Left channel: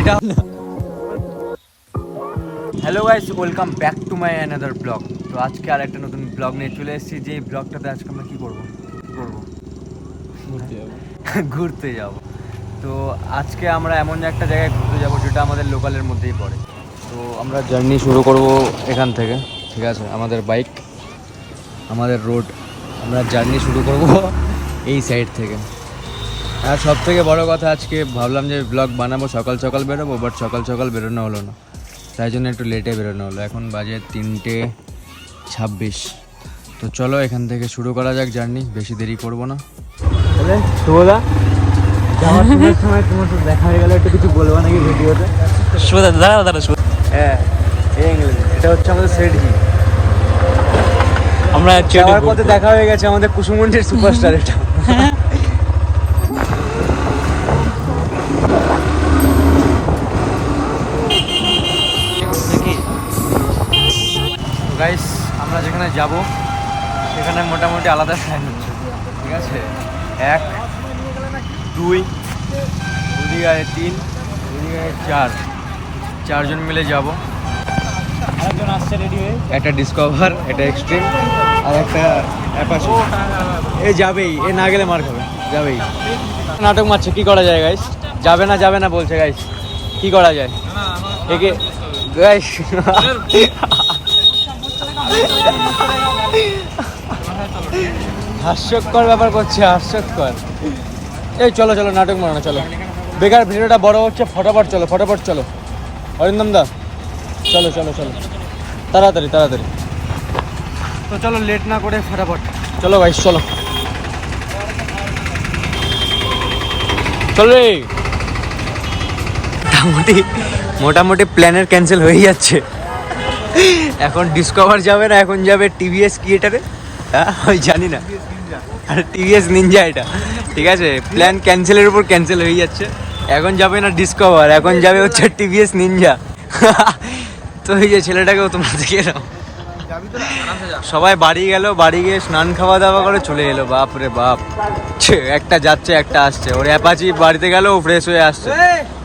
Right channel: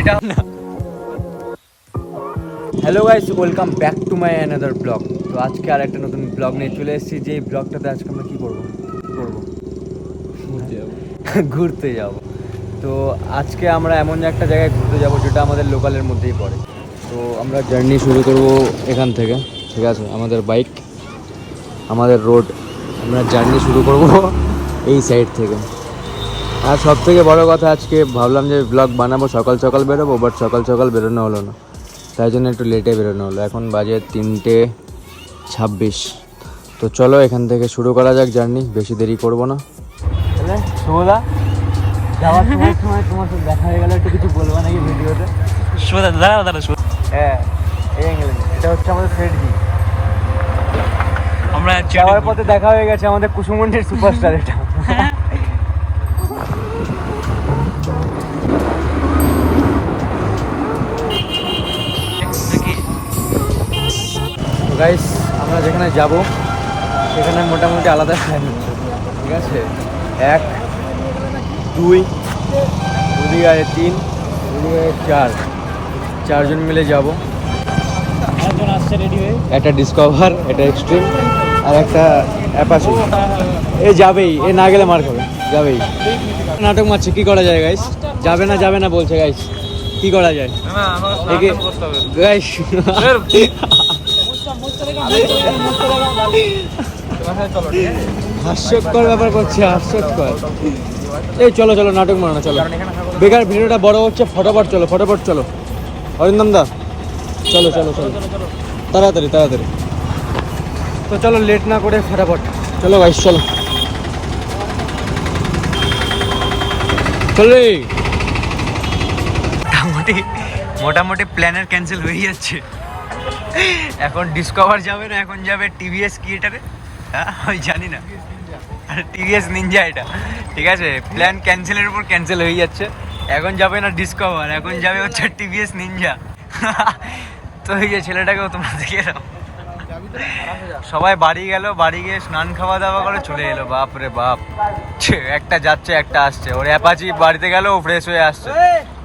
এটা hello guys, welcome back to my another blog. তো আজকে আর একটা নতুন ব্লগ নিয়ে চলে এসেছি। যে ব্লগটাতে আজকে আমরা কী করবো ঘুরতে যাব। তো আজকে আমরা এমন একটা জায়গায় ঘুরতে যাব যেটা আমাদের লোকালের মধ্যেই পড়ে। তো আমরা জার্নি শুরু করব এখান থেকে, ঠিক আছে? আমাদের বাইক, আমাদের রোড, আমরা জার্নি শুরু করব এই সাইড থেকে। আর সব থেকে বড়ো কথা, আজকে ভাবলাম যে ব্লগ বানাবো, সকাল সকাল বেরোবো, বাট সকাল সকাল বেরোনো হলো না, তাই জন্য একটু লেটে বেরোনো হলো। এখন বাজে 3:26। তো চলো এখান থেকে শুরু করা যাক জার্নি, বেশি দেরি করবো না। তোলা যাওয়ার সময় তোমার সাথে দেখা হয়ে গেলে একটু কিছু বলবো নাকি ভিডিওতে? হ্যাঁ, এটা হচ্ছে আমাদের সেট। আমরা যাওয়ার পথে দেখা হয়ে গেছে আমাদের কুসুমন্ডির সুপারস্টার। এটা গাইস, আমরা যেখানে যাব সেখানে মোটামুটি আলাদা প্ল্যান হচ্ছে, ঠিক আছে? 1 2 ওদিকে আছে 3, ওদিকে 4, 4 জন মিলে যাব। আরেকজন আসছে রেডি হয়ে, একটা ডিসকভার, একটা এক্সট্রিম, আর একটা অ্যাপাচি। এ যাবেই, এ না গেলে মার খাবে, যাবেই। নাটক মারছে, কি করা যায় গাইস? যাবে না বলছে গাইস, কি করা যায়? গাইস হাস্যকর ব্যাপার করছে, হাস্যকর। এই চলো চলো, নাটক মারো না, চলো। বেকার ভিডিওটা বড় হচ্ছে, ফটাফট চলো। অরিন্দম দা, চলো তাড়াতাড়ি। তো চলো, লেট না করে ফটাফট চলো গাইস, চলো রে। মোটামুটি প্ল্যানের ক্যান্সেল হয়ে যাচ্ছে। এখন ডিসকভার যাবে না, এখন যাবে টিভিএস কি এটারে, আমি জানি না, আর টিভিএস নিনজা এটা, ঠিক আছে? প্ল্যান ক্যান্সেলের উপর ক্যান্সেল হয়ে যাচ্ছে। এখন যাবে না ডিসকভার, এখন যাবে হচ্ছে টিভিএস নিনজা। তো এই যে ছেলেটাকেও তোমরা দেখে নাও, সবাই বাড়ি গেল, বাড়ি গিয়ে স্নান খাওয়া দাওয়া করে চলে এলো। বাপ রে বাপ, একটা যাচ্ছে একটা আসছে। ওর অ্যাপাচি বাড়িতে গেল, ও ফ্রেশ হয়ে আসছে।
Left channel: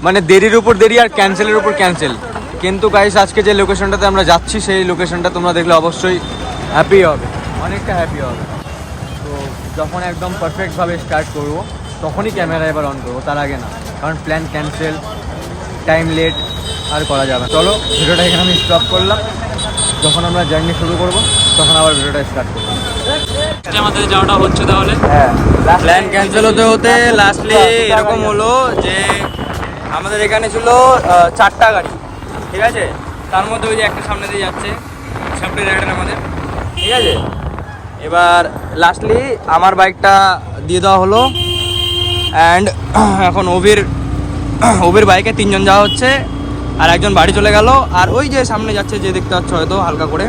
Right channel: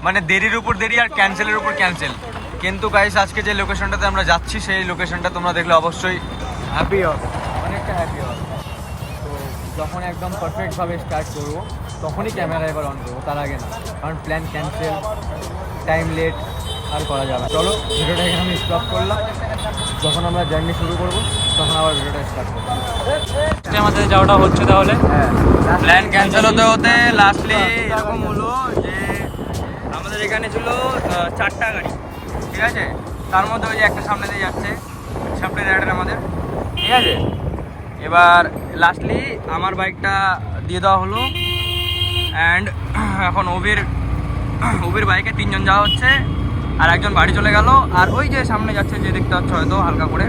মানে দেরির উপর দেরি আর ক্যান্সেলের উপর ক্যান্সেল। কিন্তু গাইস, আজকে যে লোকেশনটাতে আমরা যাচ্ছি সেই লোকেশনটা তোমরা দেখলে অবশ্যই হ্যাপি হবে, অনেকটা হ্যাপি হবে। তো যখন একদম পারফেক্টভাবে স্টার্ট করবো তখনই ক্যামেরা এবার অন করবো, তার আগে না, কারণ প্ল্যান ক্যান্সেল, টাইম লেট, আর করা যাবে না। চলো, ভিডিওটা এখানে আমি স্টপ করলাম। যখন আমরা জার্নি শুরু করব তখন আবার ভিডিওটা স্টার্ট করবো। আমাদের যাওয়াটা হচ্ছে, তাহলে হ্যাঁ, প্ল্যান ক্যান্সেল হতে লাস্টলি এরকম হলো যে আমাদের এখানে ছিল 4টা গাড়ি, ঠিক আছে? তার মধ্যে ওই যে একটা সামনে দিয়ে যাচ্ছে, সামনে রাইডার আমাদের, ঠিক আছে? এবার লাস্টলি আমার বাইকটা দিয়ে দেওয়া হলো, অ্যান্ড এখন ওবির বাইকে 3 জন যাওয়া হচ্ছে, আর একজন বাড়ি চলে গেল। আর ওই যে সামনে যাচ্ছে, যে দেখতে পাচ্ছ হয়তো হালকা করে,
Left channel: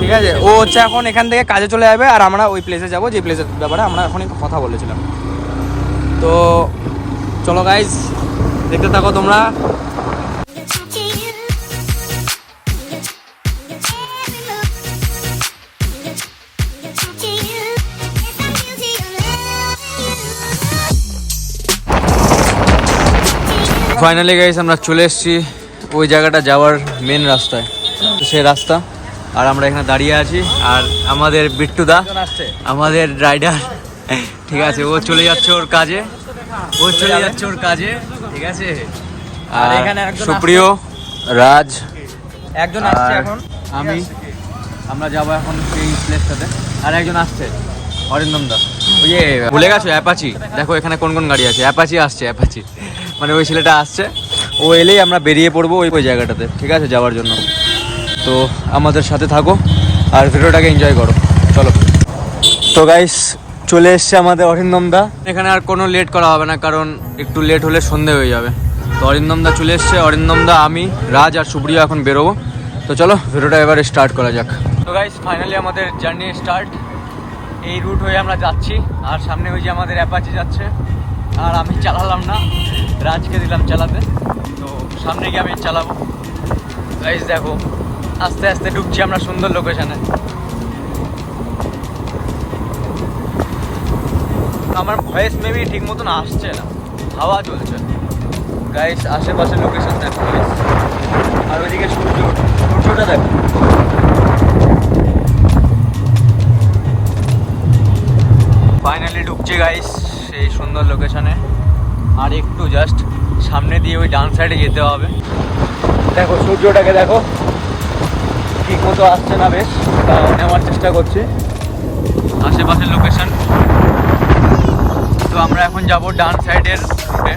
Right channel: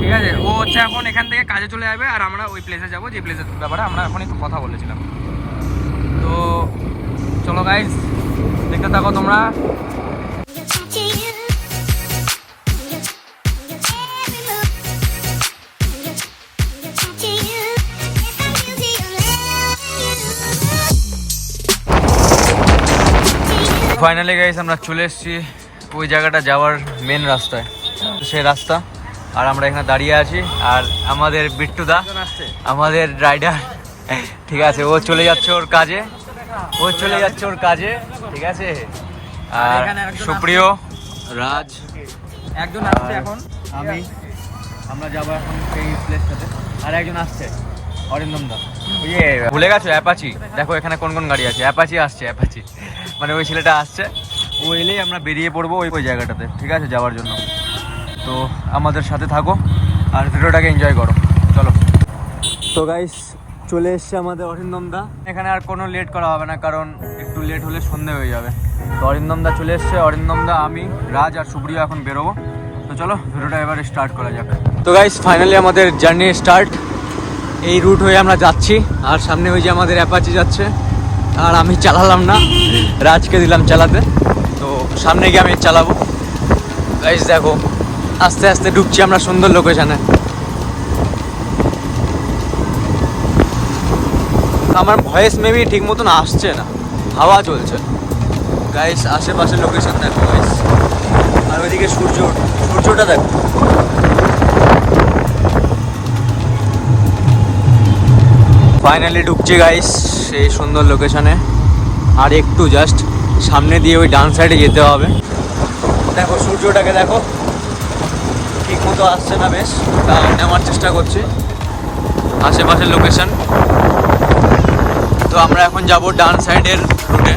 ঠিক আছে? ও হচ্ছে এখন এখান থেকে কাজে চলে যাবে, আর আমরা ওই প্লেসে যাবো যে প্লেসের ব্যাপারে আমরা এখন কথা বলেছিলাম। তো চলো গাইজ, দেখতে থাকো তোমরা। ফাইনালি গাইস, আমরা চলে এসেছি ওই জায়গাটা যাওয়ার মেন রাস্তায়। তো সেই রাস্তা, আর আমরা এখানে দাঁড়িয়ে আছি। আর আমাদের বিট্টুদা, আমাদের রাইডার, ঠিক আছে, ও চলে যাচ্ছে ওর কাজে, ঠিক আছে? আর সুপ্রিয়, রাজ, একজন আর আমরা যাবো এখন সেই প্লেসটাতে। আর একজন আসছে, অরিন্দম দা। ওই যে ভুলে গেছো অ্যাপাচি, দেখো এখানে কোন কোন গাড়ি আছে। অ্যাপাচি আসছে, মানে ওই ছেলেটা আসছে। ও এলেই আমরা বেরিয়ে পড়বো ওই জায়গাটাতে, ঠিক আছে, যাওয়ার জন্য। তো আমাদের সাথে থাকো আর ভিডিওটাকে এনজয় করো, চলো। তো গাইস, চলে এসছে আমাদের অরিন্দম দা। এখানে আর কোনো লেট করা হবে না, কারণ একটু লেট হলে সন্ধে হয়ে যাবে। তো অরিন্দম দা চলে এসছে। অরিন্দম দা, আমি, রাজ আর সুপ্রিয় এখন বেরোবো। তো চলো ভিডিওটা এবারে স্টার্ট করা যাক। তো গাইস, ফাইনালি আমাদের জার্নি স্টার্ট। এই রুট হয়ে আমরা যাচ্ছি, আর সামনে ওই যে আমাদের অ্যাপাচি যাচ্ছে। আর আমি চালালাম না, রাজকে দিলাম চালাতে। তো সামনে গিয়ে আমি চালাবো। গাইস দেখো, আস্তে আস্তে ঢুকছি আমরা সুন্দর লোকেশনে। আমার ভয়েস মেবি ঠিক মতন আসছে না, হাওয়া চলছে। গাইস আশেপাশে লোকেশন দেখো গাইস, আর ওইদিকে সূর্যটা দেখো। ফাইনালি ঢুকছি গাইস সেই সুন্দর লোকেশনে। আর একটু জাস্ট সামনে দিয়ে ওই ডান সাইডে যেতে হবে। দেখো সূর্যটাকে দেখো, ঠিক মতো আসছে না, বেশ নেওয়ার চেষ্টা করছি আশেপাশের লোকেশন। তো আমরা এখন যাব ডান সাইডের রুটে।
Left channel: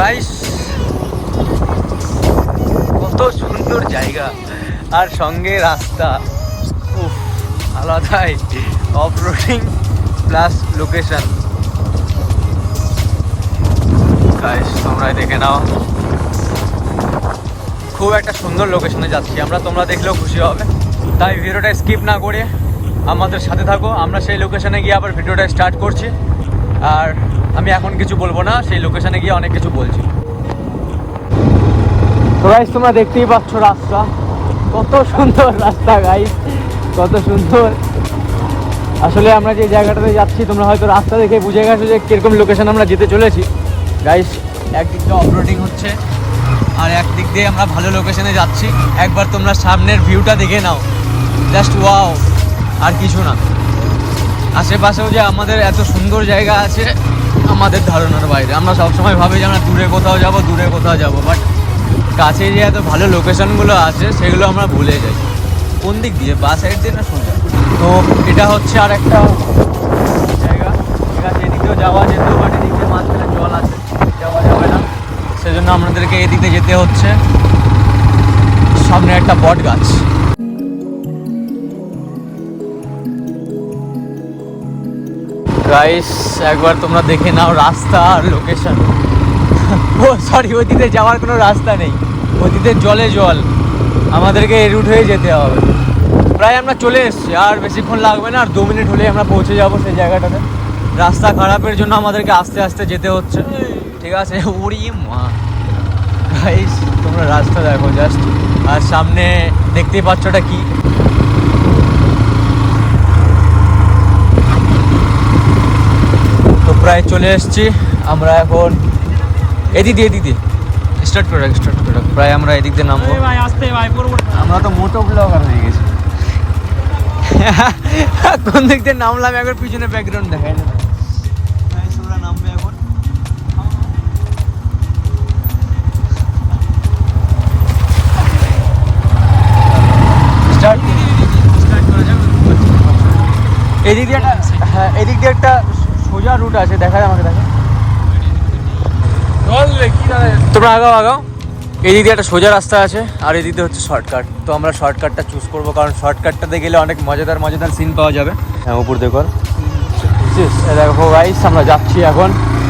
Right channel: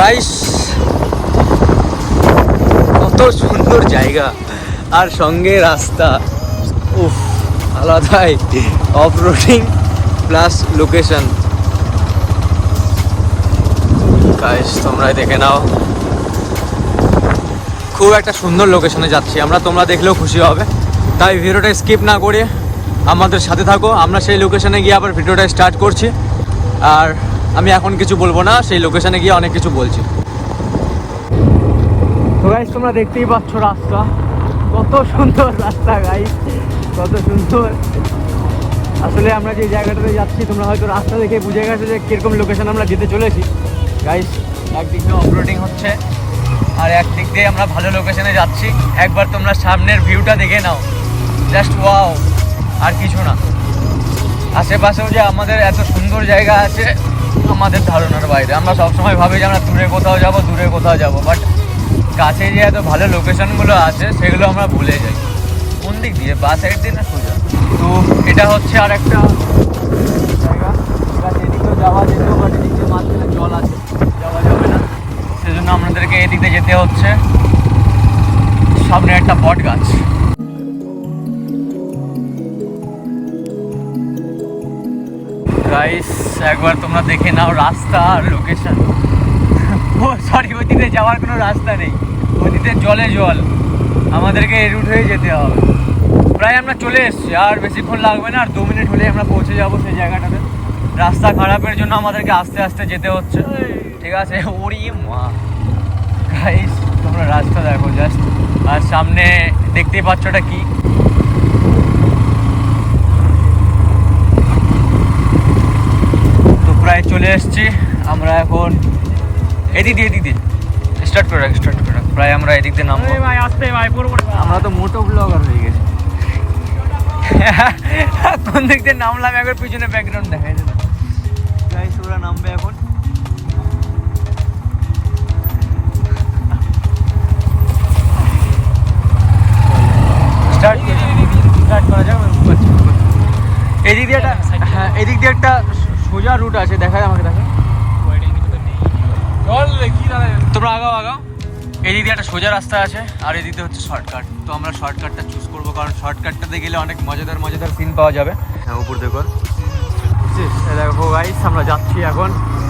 গাইস কত সুন্দর জায়গা আর সঙ্গে রাস্তা, উফ আলাদাই off roading plus location. Guys তোমরা দেখে নাও, খুব একটা সুন্দর লোকেশনে যাচ্ছি আমরা, তোমরা দেখলেও খুশি হবে। তাই ভিডিওটা স্কিপ না করে আমাদের সাথে থাকো। আমরা সেই লোকেশনে গিয়ে আবার ভিডিওটা স্টার্ট করছি। আর আমি এখন কিছু বলবো না, সেই লোকেশনে গিয়ে অনেক কিছু বলছি। তো গাইস তোমরা দেখতেই পাচ্ছ রাস্তা, কত সুন্দর রাস্তা গাইস, কত সুন্দর। আসলে আমরা যে জায়গাটাতে যাচ্ছি তোমরা হয়তো রাস্তা দেখে বুঝে গেছো যে কিরকম লোকেশন আমরা যেতে চলেছি। গাইস একদিক দিয়ে অফরোডিং হচ্ছে আর একদিক দিয়ে আমরা ভালো লোকেশনে যাচ্ছি। একবার তোমরা সামনের ভিউটা দেখে নাও, জাস্ট ওয়াও, আর কিছু না। আশেপাশেও যে আমাদের এত সুন্দর জায়গা আছে আমাদের ধারণার বাইরে। আমরা সবসময় ভাবি যে আমরা দূরে কোথাও যাব, বাট কাছে যে এত ভালো লোকেশনগুলো আছে সেগুলো আমরা ভুলে যাই। কোন দিক দিয়ে, বা সাইড দিয়ে না সোজা? তো এটা হচ্ছে আর একটা জায়গা, এদিকেও যাওয়া যেত, বাট এদিকে মাঝখানে জল আছে, যাওয়া যাবে না, সেজন্য আমাদেরকে এদিকে যেতে হচ্ছে। সামনে একটা বট গাছ। গাইস একবার তোমরা দেখে নাও রাস্তা আর লোকেশন। ও সরি, ওই দিকে যাওয়ার কোনো রাস্তা নেই, ওই দিকে জলে জল, আমাদেরকে এই রুট হয়ে যেতে হবে। প্রায় আমরা চলে এসেছি, আর বেশিক্ষণ লাগবে না, আর 2 মিনিট হলেই আমরা পৌঁছে যাবো সেই জায়গাটাতে। রাস্তা খারাপের জন্য আমাদেরকে আস্তে আস্তে যেতে হচ্ছে, ঠিক আছে? উড়ি মা গাইস তোমরা রাস্তা দেখো জাস্ট, আর সামনে দেখতেই পাচ্ছ ওটা কি। তো প্রায় চলে এসেছি আমরা এখন। এদিক দিয়ে স্টার্ট করে প্রায় আমরা এদিক দিয়ে নামবো। আমরা তো মোটো ব্লগার হয়ে গেছি। কোন দিক দিয়ে নামলাম একবার পিছনে ব্যাকগ্রাউন্ড দেখাই দেবে। ওরা নামবে এখন। স্টার্ট করা যাক। এদিক দিয়ে একটা সোজা রুট আছে, দেখা যায় আমাদের। তোমরা আগাও। এদিক দিয়ে একটা সোজা রাস্তা আছে, আর এদিক দিয়ে হচ্ছে শর্টকাট। তো আমরা শর্টকাটটা চুজ করবো, কারণ শর্টকাটটাতে গেলে অনেক মজাদার সিন পাওয়া যাবে। হ্যাঁ উপর দেখো, দেখো গাইস আমরা যাচ্ছি এখন,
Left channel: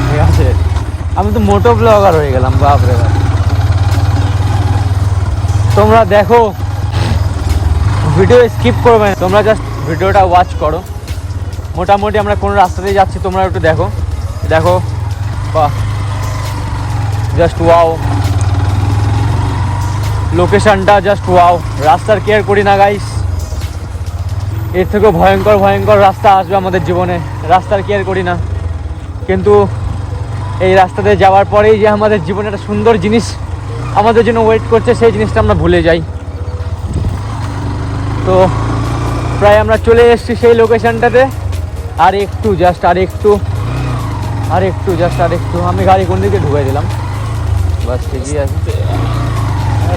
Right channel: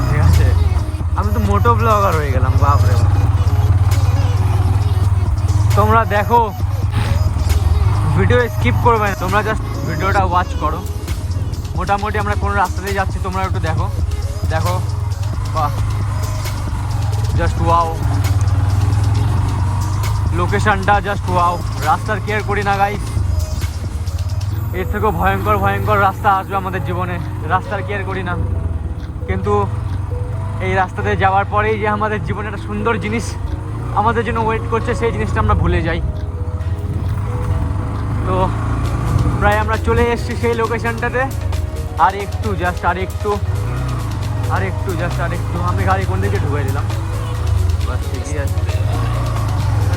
ঠিক আছে? আমি তো মোটো ব্লগার হয়ে গেলাম। তোমরা দেখো, ভিডিও স্কিপ করবে না, তোমরা জাস্ট ভিডিওটা ওয়াচ করো। মোটামুটি আমরা কোন রাস্তাতে যাচ্ছি তোমরা একটু দেখো। বাহ, জাস্ট ওয়াও, লোকেশনটা জাস্ট ওয়াও। রাস্তার কেয়ার করি না গাইস, এর থেকেও ভয়ঙ্কর রাস্তা আসবে আমাদের জীবনে, রাস্তার কেয়ার করি না। কিন্তু এই রাস্তাতে যাওয়ার পরেই যে আমাদের জীবনে একটা সুন্দর জিনিস আমাদের জন্য ওয়েট করছে, সেই জিনিসটা আমরা ভুলে যাই। তো প্রায় আমরা চলে এসেছি সেই লোকেশনটাতে। আর একটু আমি গাড়ি কোন দিকে ঢুকাই দিলাম, বাস ঠিকই আছে।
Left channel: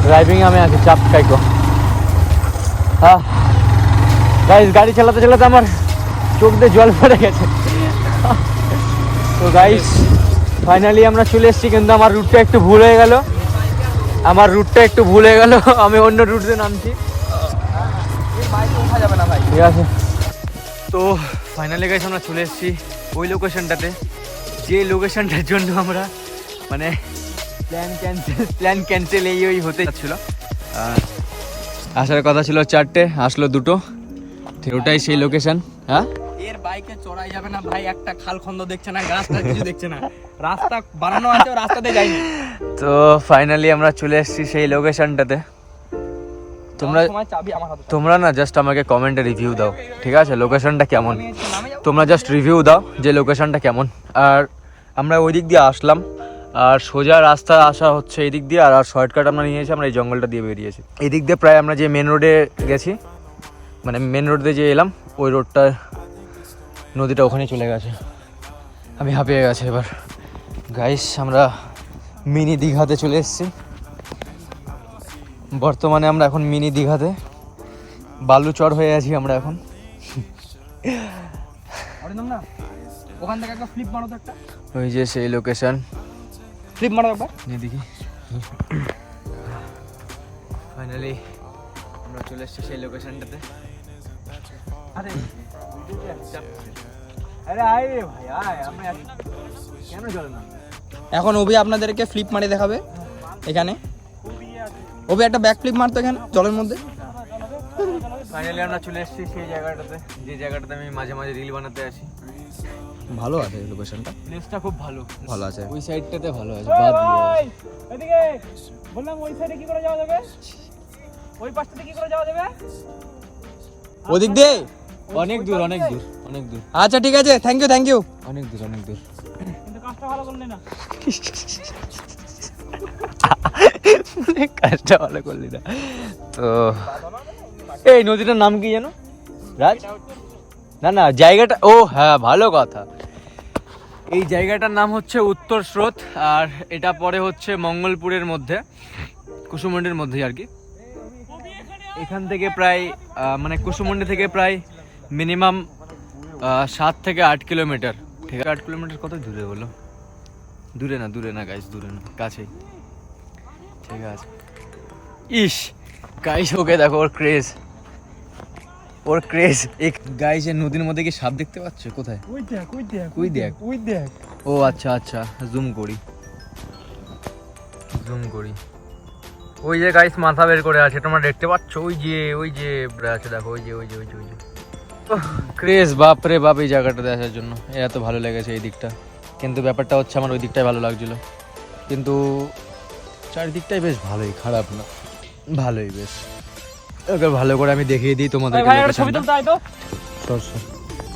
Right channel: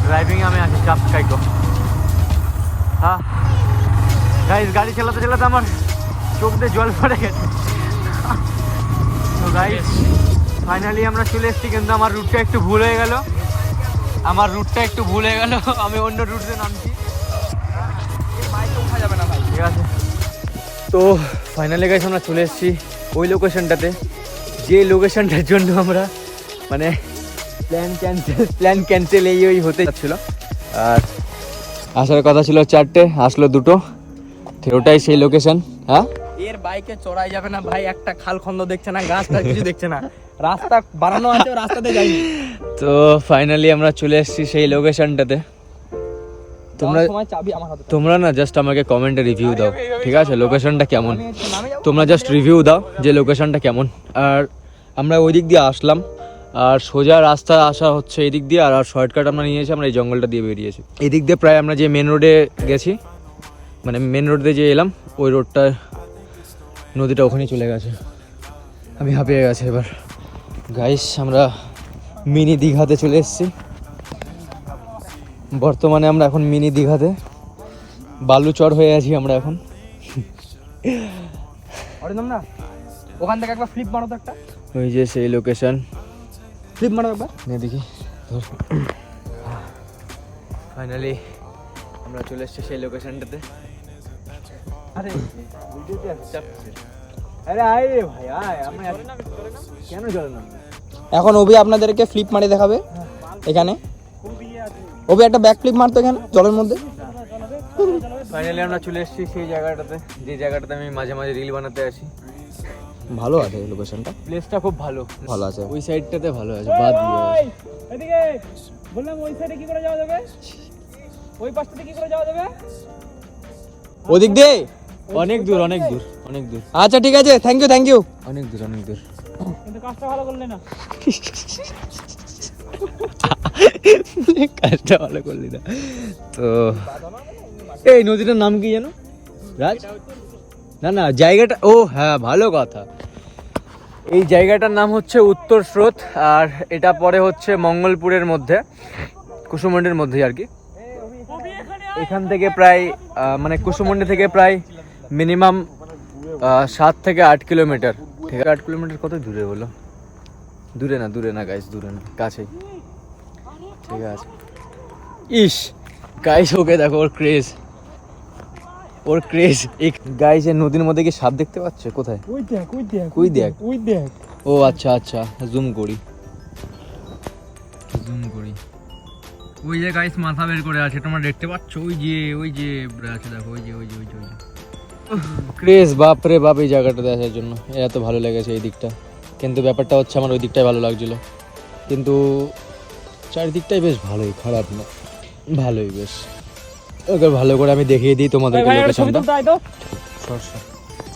ড্রাইভিং আমি আছি, চাপ খাই কম। হ্যাঁ গাইস, গাড়ি চালাতে আমার চোখ দিয়ে জল পড়ে গেছে। তো গাইস ফাইনালি আমরা চলে এসেছি, কিন্তু আমার রুটটা একটু ভুল হয়ে গেল। আমি অন্য রুটে নামছি, ঠিক আছে? তো ফাইনালি গাইস আমরা চলে এসেছি ওই লোকেশনটাতে, যে লোকেশনটার জন্য আমরা মানে প্ল্যান ক্যান্সেল এই হতে যাচ্ছিল। আর আসার কথা ছিল 4টে, আসলো 2টো, ঠিক ওটাই সেই লোকেশন। হ্যাঁ এর বাইকে চড়াই যাবে না ভাই, একটা খাল খন্দ দেখছে না, গাছটা কিছু দেখছে না, রাস্তা বানানো আছে, রাস্তাতে যাইনি। তো ফাইনালি আমরা চলে এসেছি সেই লোকেশনটাতে। তোমরা না জাস্ট আমাকে কমেন্টে রিভিউ দাও, ঠিক আছে? লোকেশনটা কেমন? তোমরা জাস্ট রিভিউ দাও যে লোকেশনটা কেমন। আর আমরা ওই দিক দিয়ে আসলাম, আর সোজা রাস্তা আসা হচ্ছে এই দিক দিয়ে, আর শর্টকাট আমরা নিয়েছি, আমরা এই জঙ্গলটা দিয়ে বেরিয়েছি। এই দিক দিয়ে প্রায় আমরা যে মেন রোডে গেছি, মানে মেন রোড দিয়ে যে এলাম, ওই রোডটায় নদীটা ওখানে চলে গেছে। আমি হাঁপিয়ে গেছে এবার। গাইস আমরা মিনি দীঘাতে চলে এসেছি। বর্তমানে আমরা এখন মিনি দীঘাতে বালুচর হয়ে আছি আমরা এখন। ওখান থেকে একটা ফ্লিপ মারো তো, একটা ওই যে সেই লোকেশন, ফ্লিপ মারো একবার। নিয়ে দেখি। ফাইনালি আমরা চলে এসেছি সেই লোকেশনটাতে। আরে আরে আয় রে ভাই আয়, আমরা কেন চলে না? এখন অভি আপনাদেরকে ফ্লিপ মারি দেখাবে এখানে। অভি একটা ব্যাক ফ্লিপ মারতো এখানে জলের মধ্যে। ফাইনালি আমরা চলে এসেছি সেই জায়গাটাতে, যে জায়গাটাতে আমি মাঝে মাঝে রিল বানাতে আসি। ভালো আছে লোকেশনটা, প্লেসটা খুব ভালো, ভালো আছে। ওই সাইডটাতে ভালো আছে, বাদ দিয়ে এদিকে বললাম ওই সাইডে কি করে যাওয়া যাবে, ওই পাশটাতে কি করে যাওয়া যাবে? ওদিক দিয়ে অনেক দূর অনেক দূর অনেক দূর। আচ্ছা ঠিক আছে, থ্যাংক ইউ থ্যাংক ইউ। অনেক দূর অনেক দূর, কিন্তু কাজটা ভালো করলে না। কাজটা ভালো করলি না তো। এই নদীটার নাম কি জানো রাজ? না না জায়গাটা, ও হ্যাঁ ভালো কথা, এই জায়গাটার নাম হচ্ছে উত্তর স্রোত। আর এটা পরে হচ্ছে মঙ্গলপুরের মধ্যে, কুসুমন্ডির মধ্যে আর কি। এখান থেকে প্রায় মানে কুসুমন্ডি থেকে প্রায় মিনিমাম 7 থেকে 8 কিলোমিটার। ঠিক আছে, 8 কিলোমিটার কত দূরে বলো? দূরে না গাইস, দূরে না, কাছেই। ঠিক আছে। ইস গাইস, ওকে দেখো ওর ক্রেজ, ওর ক্রেজ। এই গাইস এর নদীর মধ্যে কি সাপ দেখতে পাচ্ছ? কোথায়? ওই দেখ ওই দেখ ওই দেখ ওই দেখ। ও আচ্ছা আচ্ছা, জুম করি। ওই যে গাইস মাথা বের করে আছে, তোমরা দেখতে পাচ্ছ? ওই যে আছে দেখো, ওই যে ক্রেজ। বাপ রে বাপ, এই জায়গাটাতে আসার জন্য এত ভালো লেগেছে এই দিকটা। কিন্তু ব্যাপারটা হচ্ছে আমার ওই দিকটাই ভালো লাগছিল, কিন্তু চারিদিকটাই বেশ ভালোই, খারাপ না, ভালোই বেশ। ওকে ভালো করে আমি দেখিয়ে দিই তোমাদেরকে লোকেশনটা।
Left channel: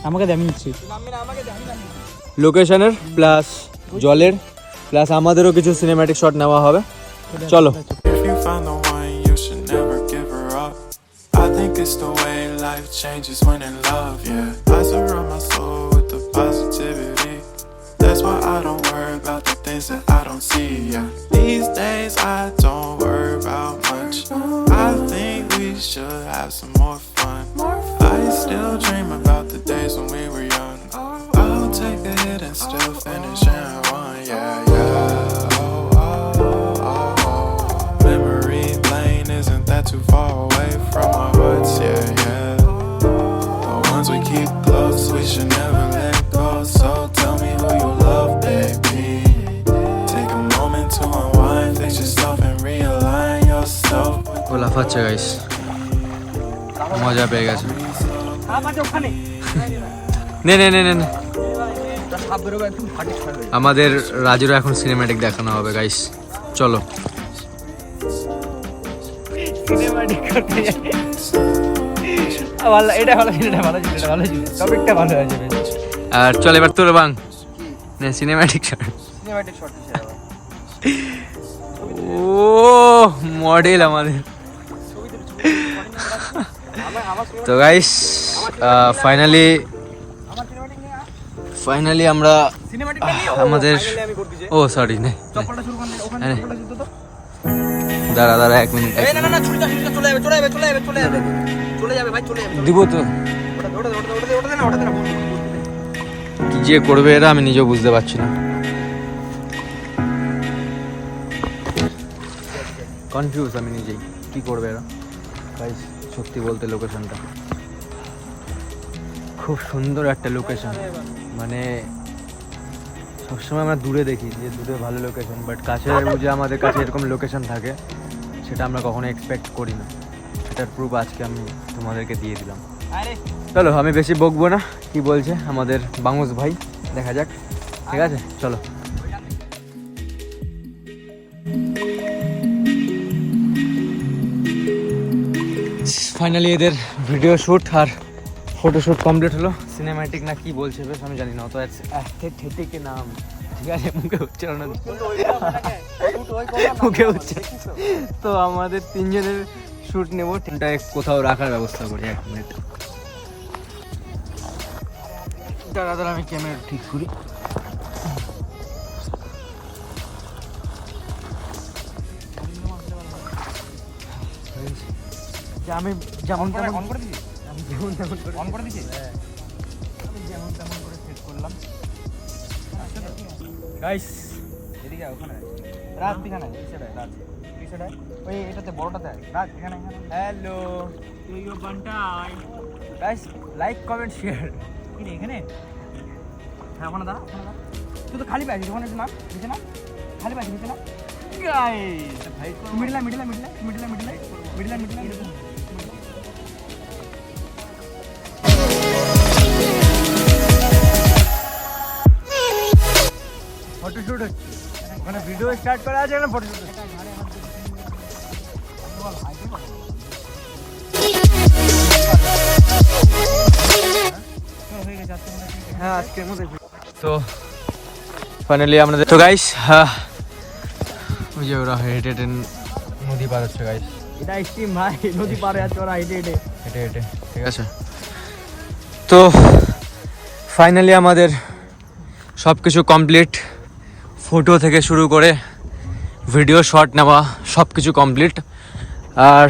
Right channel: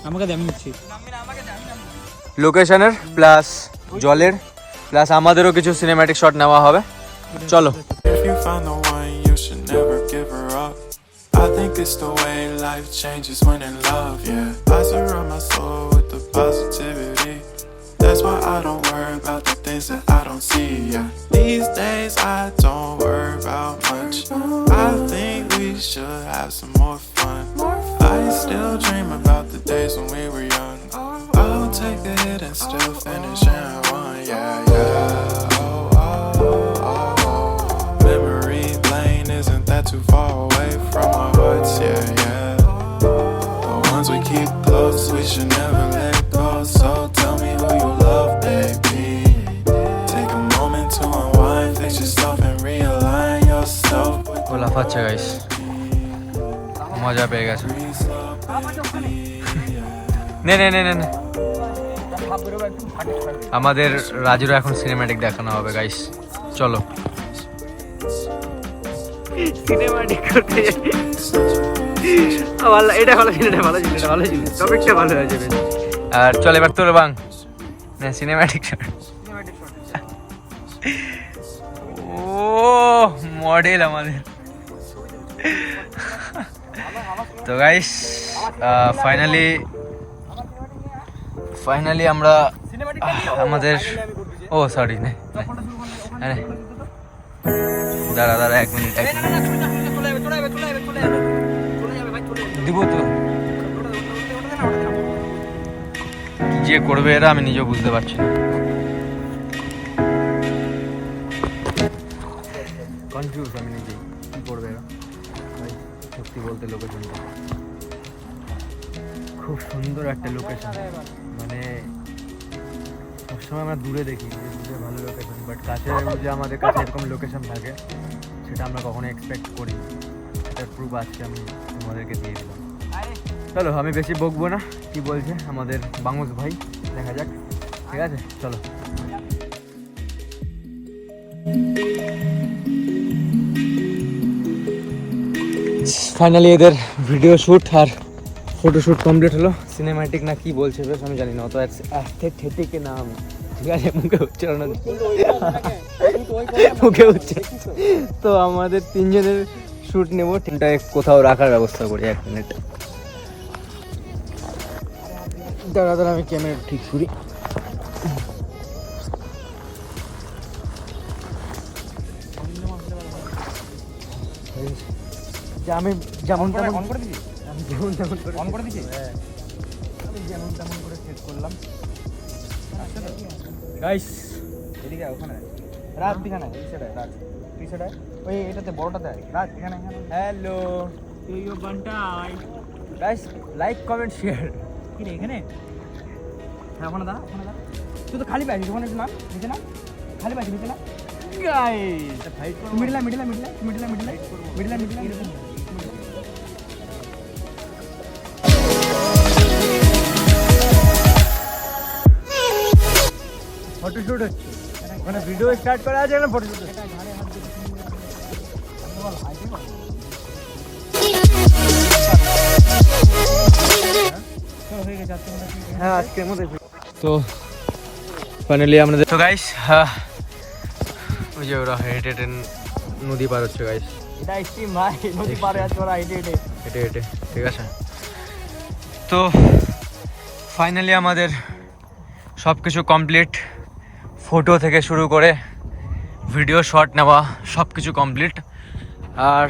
আমাকে দে, আমি নিচ্ছি। লোকেশনের জলের প্লাস আমাদেরও কিছু সিনেম্যাটিক শট নেওয়া হবে। চলো। If you find the one, you should never give her up. I think it's the way life changes when in love, yeah. I surround my soul with the positivity. That's why I don't worry about the things that I don't see, yeah. These days I don't worry about much. I think we should have some more fun. I still dream about the days when we were young. I'll take a hit and still finish in one, yeah, yeah. Oh, oh, oh, oh. Memory lane isn't that too far away from our hearts, yeah, yeah. The ones we keep close, we should never let go. So tell me who you love, baby. Take a moment to unwind, fix yourself and realign yourself. ও লাফাচ্ছে guys, মজা পেয়ে গেছে। নে নে নে নে নে। আমাদের রাজুরও এখন সিনেম্যাটিক দেখানো হবে গাইস, চলো। সিনেম্যাটিক করতে যাই। এটা ভালো ছিল, টপিকটা ভালো হয়েছে বেশ। আর চল এবার তোর বাং না সিনেম্যাটিক। ও মডেল আমাদের। তো গাইস ফাইনালি আমরা আমাদের, ও সরি নে, দাঁড়া 1 মিনিট দিব তো। কি যে করবে এরা আমি নিজেও বুঝতে পারছি না, কনফিউজ আমি নিজেই, কি করবে এরা। ভাই সত্যি বলতে লোকেশনটা খুব সুন্দর একটা লোকেশন, মানে সবসময় আমরা দূরে দেখি যে দূরে ভালো লোকেশন, বাট কাছে যে আমাদের কাছে এরকম লোকেশন থাকে সেটা আমরা কখনো এক্সপেক্ট করি না। সেটার প্রুফ আজকে আমি তোমাদেরকে দিয়ে দিলাম। চলো আমি বেশি বকবো না, কি বলছে আমাদের বাঙুস ভাই, দেখা যাক। ঠিক আছে চলো। ফাইনালি এদের ভিডিও শ্যুট আর ফটোশ্যুট কমপ্লিট হলো। সিনেম্যাটিক না কি বলছে বেশ আমি জানি না, অত অ্যাস্থেটিকে নাম ঠিক আছে মুখে উচ্চারণ মুখে উচ্চারণ। তো আমাদের তিনজনের শ্যুট নেবো, তিনটা কোথাও রাখার ব্যবস্থা করি। 1 মিনিট দাঁড়া আমি ক্যামেরা ঠিক করি। আমি যেমন তেমন অন করে দিছি, আমি যেমন তেমন করে অন করে দিছি, আমি যেমন তেমন করে সেট করলাম। গাইস এদিকে ওখানে রাত দিখানে এই সাইডে রাত এই সাইডে ওই এটাতে বড়টাতে রাত এখানে এখানে। হ্যালো ইউ বান্টাই গাইস, লাইক কমেন্ট শেয়ার। কি রে এখানে? হ্যাঁ ওখানে দাঁড়া, ওখানে দাঁড়া। তুই তো খালি পাইছিস ওখানে, না নিচে না খালি পাইছিস নিচে না। গাইস ফাইট করব, মিডলা মিডলা মিডলা মিডলা মিডলা মিডলা মিডলা এরকম। ফটোশুট হচ্ছে ওখানে, ভিডিও স্টার্ট করা আছে না ফটোশুট হচ্ছে। হ্যাঁ আজকের মধ্যে তো ফাইনালি আমাদের তো গাইস ওই যে ওরা হেঁটে হেঁটে নদী পার হচ্ছে গাইস। এটা স্টিম ভাই, নদী পার আছে ওরা হেঁটে হেঁটে হেঁটে হেঁটে, ঠিক আছে। তো ফাইনালি আমাদের সব কিছু কমপ্লিট, ফটো থেকে শুরু করে ভিডিও শট নেওয়া সব কিছু কমপ্লিট। আর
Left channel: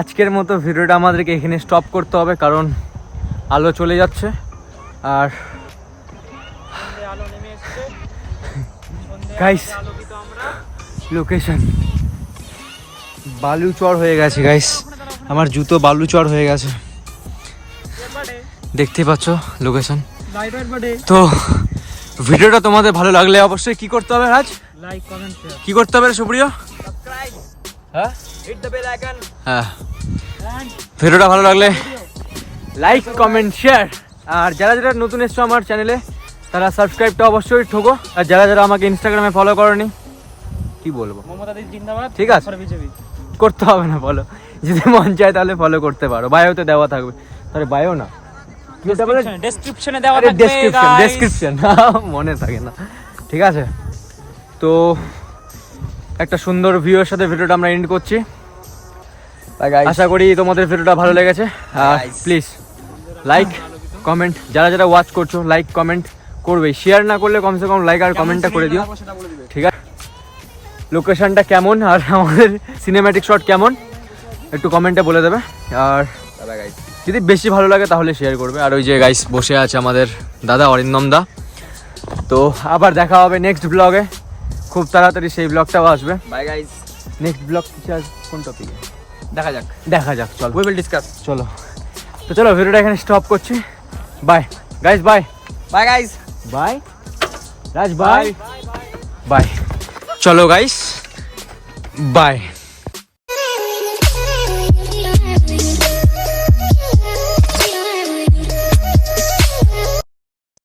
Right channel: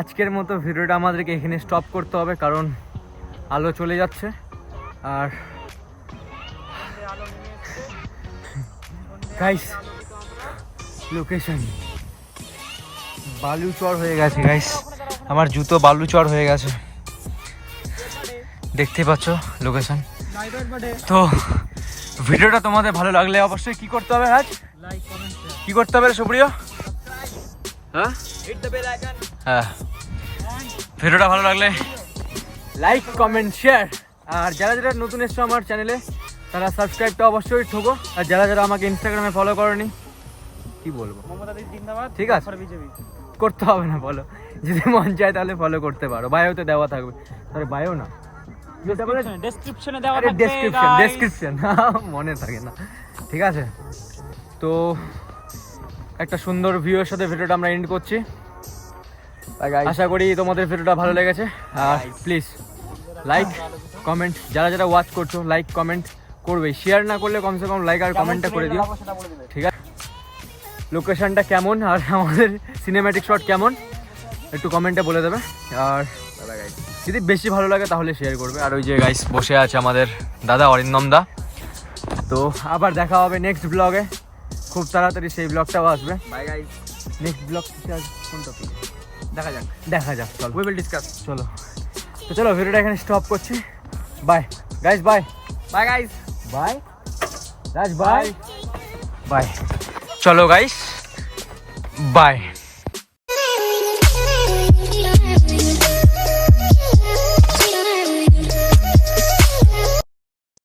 আজকের মতো ভিডিওটা আমাদেরকে এখানে স্টপ করতে হবে, কারণ আলো চলে যাচ্ছে। আর গাইস লোকেশন বালুচর হয়ে গেছে গাইস, আমার জুতো বালুচর হয়ে গেছে, দেখতে পাচ্ছ লোকেশন। তো ভিডিওটা তোমাদের ভালো লাগলে অবশ্যই কি করতে হবে রাজ? Like comment share. কি করতে হবে সুপ্রিয়? হ্যাঁ হিট দ্য বেল আইকন। হ্যাঁ ভিডিওটা ভালো লাগলে লাইক কমেন্ট শেয়ার। আর যারা যারা নতুন এসছো আমার চ্যানেলে তারা সাবস্ক্রাইবটা অবশ্যই ঠোকো। আর যারা যারা আমাকে ইনস্টাগ্রামে ফলো করনি কি বলবো, ঠিক আছে করতে হবে না ফলো, যদি মন চায় তাহলে ফলো করতে পারো, বায়োতে দেওয়া থাকবে। তাহলে বায়ো না ডেসক্রিপশনে দেওয়া থাকবে, ডেসক্রিপশন মনে থাকে না, ঠিক আছে। তো একটা সুন্দর ভিউয়ের সাথে ভিডিওটা আমরা এন্ড করছি। আশা করি তোমাদের ভিডিওটা ভালো লেগেছে। আর প্লিজ লাইক কমেন্ট, যারা যারা ওয়াচ করছো লাইক কমেন্ট করবে, শেয়ার না করলে কমসে কম লাইক আর কমেন্টটা করে দিও, ঠিক আছে। লোকেশনটা কেমন আর আমাদের সিনেম্যাটিক শট কেমন একটু কমেন্টে বলে দেবে। আর যদি বেশি ভালো লাগে তাহলে শেয়ার করবে। আর ওই যে গাইস বসে আছে আমাদের দাদা অরিন্দম দা। তো আবার দেখা হবে নেক্সট ব্লগে, খুব তাড়াতাড়ি সেই ব্লগটাও আসবে। বাই গাইস, নেক্সট ব্লগ কোন টপিকে দেখা যাক চলো, উই উইল ডিসকাস। চলো তো চলো ভিডিওটা এখানে স্টপ করছি। Bye guys, bye bye guys, bye Raj, bye bye. চলো গাইস বাই।